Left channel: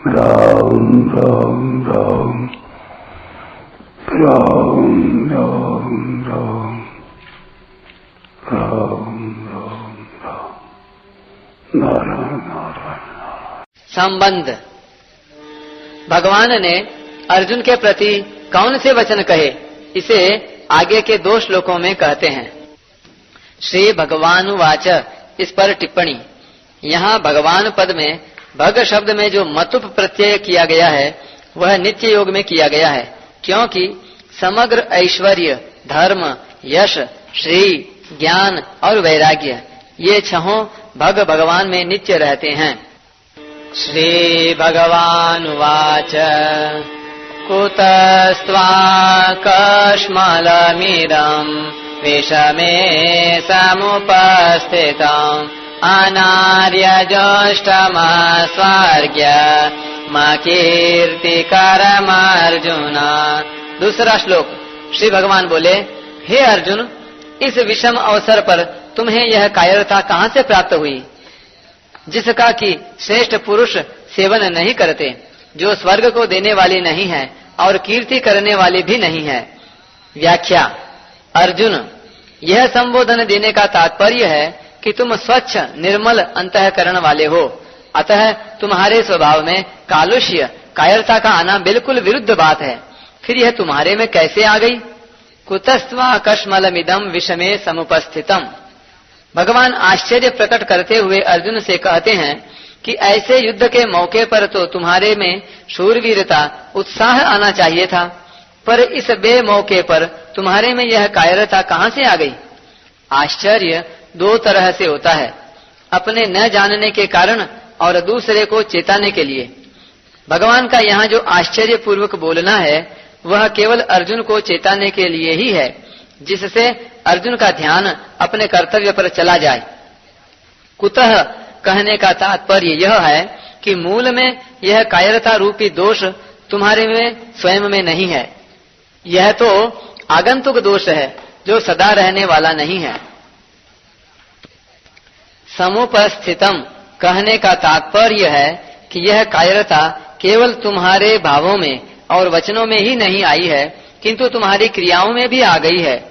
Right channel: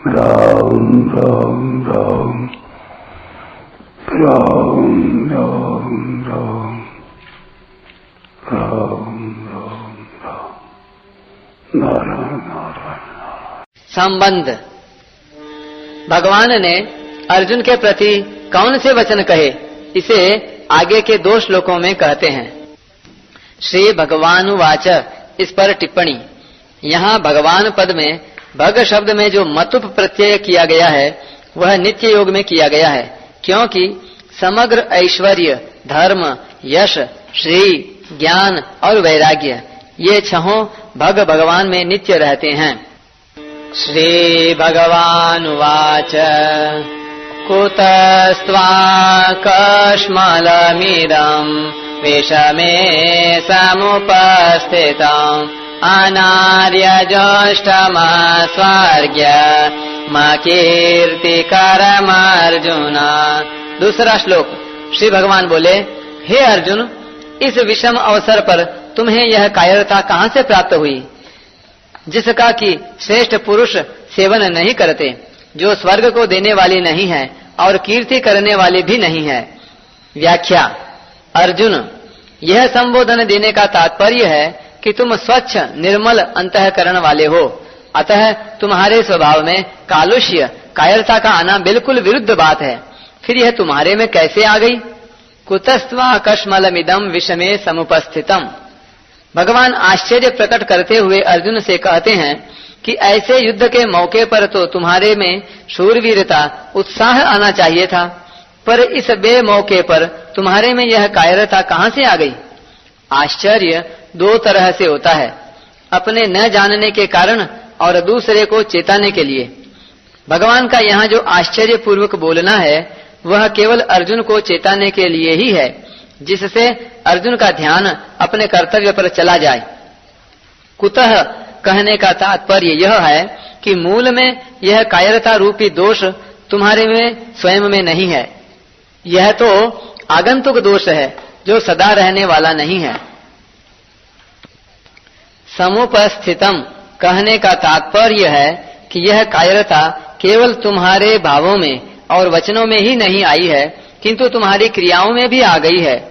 राम राम राम राम राम राम राम राम राम नारायण नारायण। संबंध। भगवान ने अर्जुन के प्रति कौन से वचन कहे, इसे आगे के 2 श्लोकों में कहते हैं। श्री भगवानुवाच, इस पर टिप्पणी। यहाँ भगवान पद में भग शब्द में जो मतुप प्रत्यय किया गया है वह नित्य योग में किया गया है, क्योंकि समग्र ऐश्वर्य, धर्म, यश, श्री, ज्ञान और वैराग्य ये 6 भग भगवान में नित्य रहते हैं। श्री भगवानुवाच कुतस्त्वाकश्मलमिदं विषमे समुपस्थितम् अनार्यजोष्टमस्वर्ग्य मकीर्तिकरमर्जुन। दूसरा श्लोक। श्री भगवान बोले, हे अर्जुन, इस विषम अवसर पर तुम्हें यह कायरता कहाँ से प्राप्त हुई, जिसका कि श्रेष्ठ पुरुष सेवन नहीं करते, जो स्वर्ग को देने वाली नहीं है और कीर्ति करने वाली भी नहीं है। व्याख्या। अर्जुन, यह संबोधन देने का तात्पर्य है कि तुम स्वच्छ निर्मल अंतःकरण वाले हो, अतः तुम्हारे स्वभाव में कालुष्य, कायरता का आना बिल्कुल विरुद्ध बात है। फिर यह तुम्हारे में कैसे आ गई? कुतस्त्वाकश्मलमिदं विषमे समुपस्थितम्। भगवान आश्चर्य प्रकट करते हुए अर्जुन से कहते हैं कि ऐसे युद्ध के मौके पर तो तुम्हारे में शूरवीरता, उत्साह आना चाहिए था, पर इस बेमौके पर तुम्हारे में यह कायरता कहाँ से आ गई? आश्चर्य 2 तरह से होता है, अपने न जानने के कारण और दूसरे को चेताने के लिए। भगवान का यहाँ जो आश्चर्य पूर्वक बोलना है वह केवल अर्जुन को चेताने के लिए ही है, जिससे अर्जुन का ध्यान अपने कर्तव्य पर चला जाए। कुतः कहने का तात्पर्य यह है कि मूल में यह कायरता रूपी दोष तुम्हारे में स्वयं में नहीं है, यह तो आगंतुक दोष है जो सदा रहने वाला नहीं है। समुपस्थितम कहने का तात्पर्य है कि यह कायरता केवल तुम्हारे भावों में और वचनों में ही नहीं आई है, किंतु तुम्हारी क्रियाओं में भी आ गई है।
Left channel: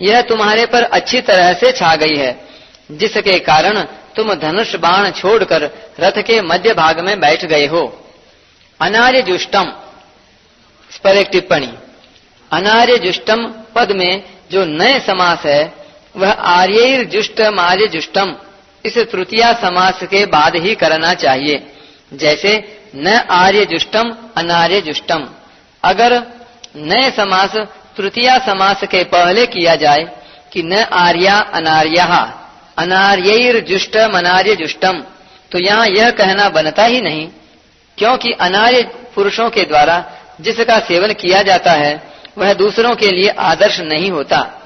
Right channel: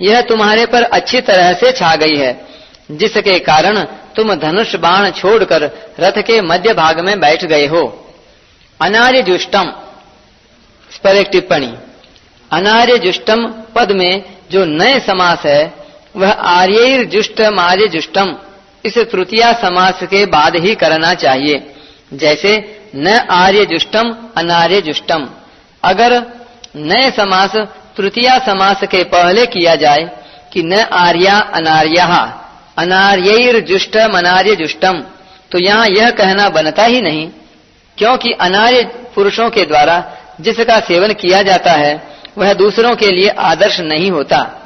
यह तुम्हारे पर अच्छी तरह से छा गई है, जिसके कारण तुम धनुष बाण छोड़कर रथ के मध्य भाग में बैठ गए हो। अनार्य जुष्टम, इस पर एक टिप्पणी। अनार्य जुष्टम पद में जो नए समास है वह आर्यैर जुष्टम आर्य जुष्टम इस तृतीया समास के बाद ही करना चाहिए, जैसे न आर्य जुष्टम अनार्य जुष्टम। अगर नए समास तृतीया समास के पहले किया जाए कि न आर्या अनार्या अनार्यैर जुष्टम अनार्य जुष्टम, तो यहाँ यह कहना बनता ही नहीं, क्योंकि अनार्य पुरुषों के द्वारा जिसका सेवन किया जाता है वह दूसरों के लिए आदर्श नहीं होता।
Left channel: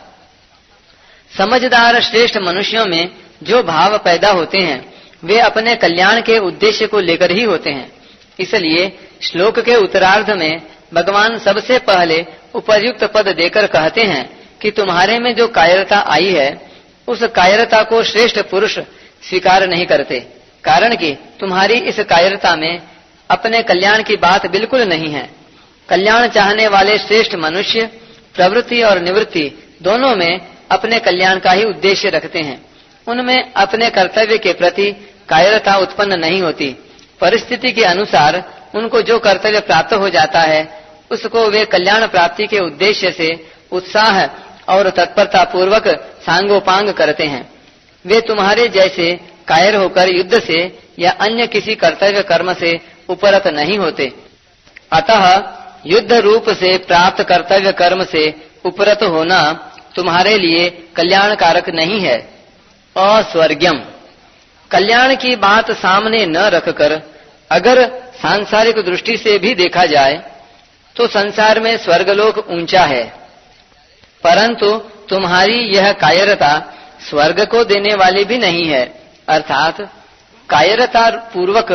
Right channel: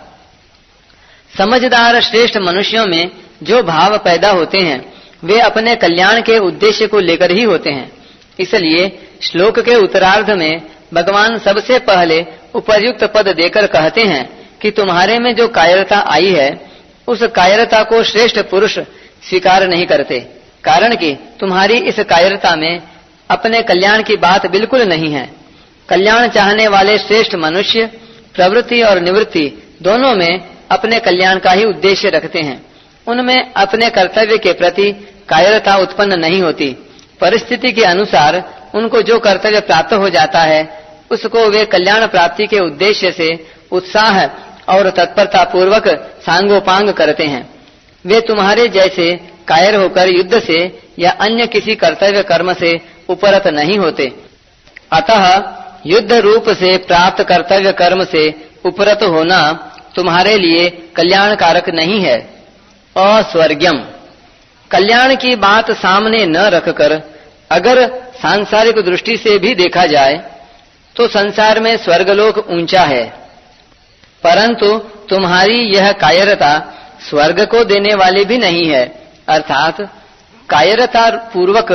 समझदार श्रेष्ठ मनुष्यों में जो भाव पैदा होते हैं वे अपने कल्याण के उद्देश्य को लेकर ही होते हैं। इसलिए श्लोक के उत्तरार्ध में भगवान सबसे पहले उपर्युक्त पद देकर कहते हैं कि तुम्हारे में जो कायरता आई है उस कायरता को श्रेष्ठ पुरुष स्वीकार नहीं करते, कारण कि तुम्हारी इस कायरता में अपने कल्याण की बात बिल्कुल नहीं है। कल्याण चाहने वाले श्रेष्ठ मनुष्य प्रवृत्ति और निवृत्ति दोनों में अपने कल्याण का ही उद्देश्य रखते हैं। उनमें अपने कर्तव्य के प्रति कायरता उत्पन्न नहीं होती। परिस्थिति के अनुसार उनको जो कर्तव्य प्राप्त हो जाता है उसको वे कल्याण प्राप्ति के उद्देश्य से उत्साह और तत्परता पूर्वक सांगोपांग करते हैं। वे तुम्हारे जैसे कायर होकर युद्ध से या अन्य किसी कर्तव्य कर्म से उपरत नहीं होते। अतः युद्ध रूप से प्राप्त कर्तव्य कर्म से उपरत होना तुम्हारे लिए कल्याणकारक नहीं है। अस्वर्ग्यम, कल्याण की बात सामने न रखकर अगर सांसारिक दृष्टि से भी देखा जाए तो संसार में स्वर्गलोक ऊंचा है, परंतु तुम्हारी यह कायरता स्वर्ग को देने वाली भी नहीं है। अर्थात कायरता पूर्वक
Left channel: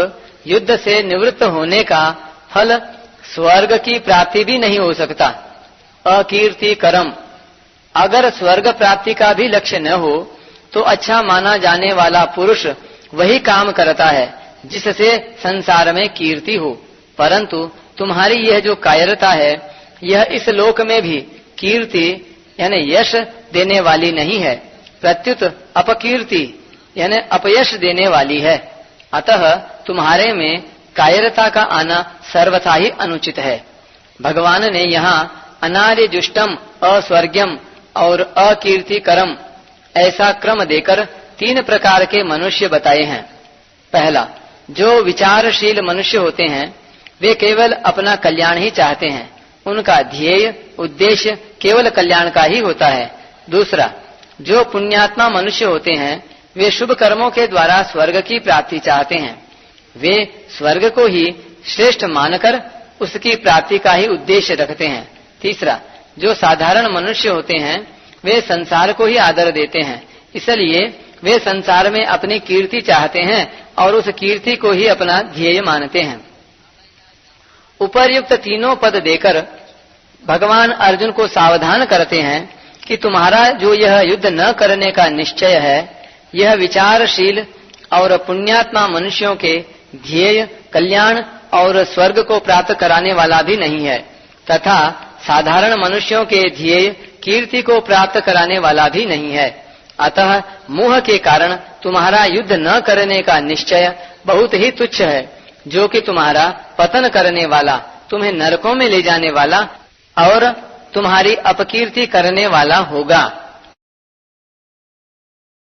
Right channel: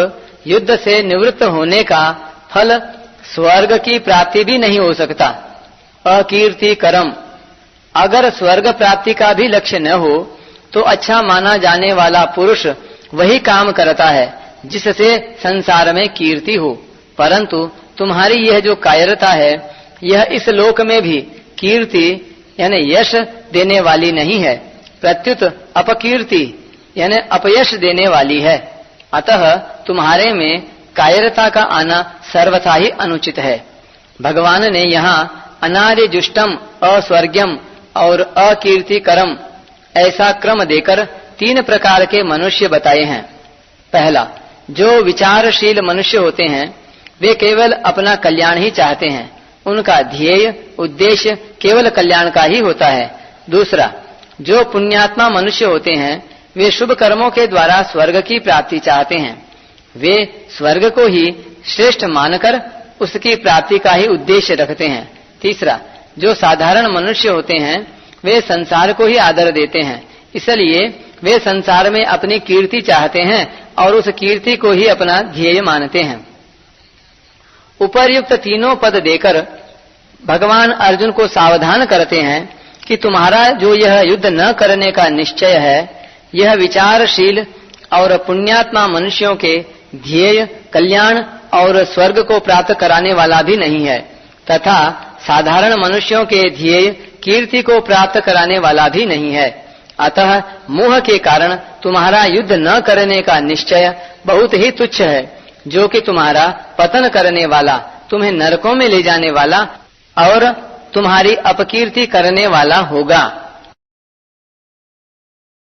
युद्ध से निवृत्त होने का फल स्वर्ग की प्राप्ति भी नहीं हो सकता। अकीर्ति करम, अगर स्वर्ग प्राप्ति का भी लक्ष्य न हो तो अच्छा माना जाने वाला पुरुष वही काम करता है जिससे संसार में कीर्ति हो। परंतु तुम्हारी यह जो कायरता है, यह इस लोक में भी कीर्ति यानी यश देने वाली नहीं है, प्रत्युत अपकीर्ति यानी अपयश देने वाली है। अतः तुम्हारे में कायरता का आना सर्वथा ही अनुचित है। भगवान ने यहाँ अनार्य जुष्टम, अस्वर्ग्यम और अकीर्तिकरम ऐसा क्रम देकर 3 प्रकार के मनुष्य बताए हैं। पहला, जो विचारशील मनुष्य होते हैं वे केवल अपना कल्याण ही चाहते हैं, उनका ध्येय उद्देश्य केवल कल्याण का ही होता है। दूसरा, जो पुण्यात्मा मनुष्य होते हैं वे शुभ कर्मों के द्वारा स्वर्ग की प्राप्ति चाहते हैं, वे स्वर्ग को ही श्रेष्ठ मानकर उसकी प्राप्ति का ही उद्देश्य रखते हैं। तीसरा, जो साधारण मनुष्य होते हैं वे संसार को ही आदर देते हैं, इसलिए वे संसार में अपनी कीर्ति चाहते हैं और उस कीर्ति को ही अपना ध्येय मानते हैं। उपर्युक्त तीनों पद देकर भगवान अर्जुन को सावधान करते हैं कि तुम्हारा जो यह युद्ध न करने का निश्चय है, यह विचारशील और पुण्यात्मा मनुष्यों के ध्येय कल्याण और स्वर्ग को प्राप्त कराने वाला भी नहीं है, तथा साधारण मनुष्यों के ध्येय कीर्ति को प्राप्त कराने वाला भी नहीं है। अतः मोह के कारण तुम्हारा युद्ध न करने का निश्चय बहुत ही तुच्छ है, जो कि तुम्हारा पतन करने वाला, तुम्हें नरकों में ले जाने वाला और तुम्हारी अपकीर्ति करने वाला होगा।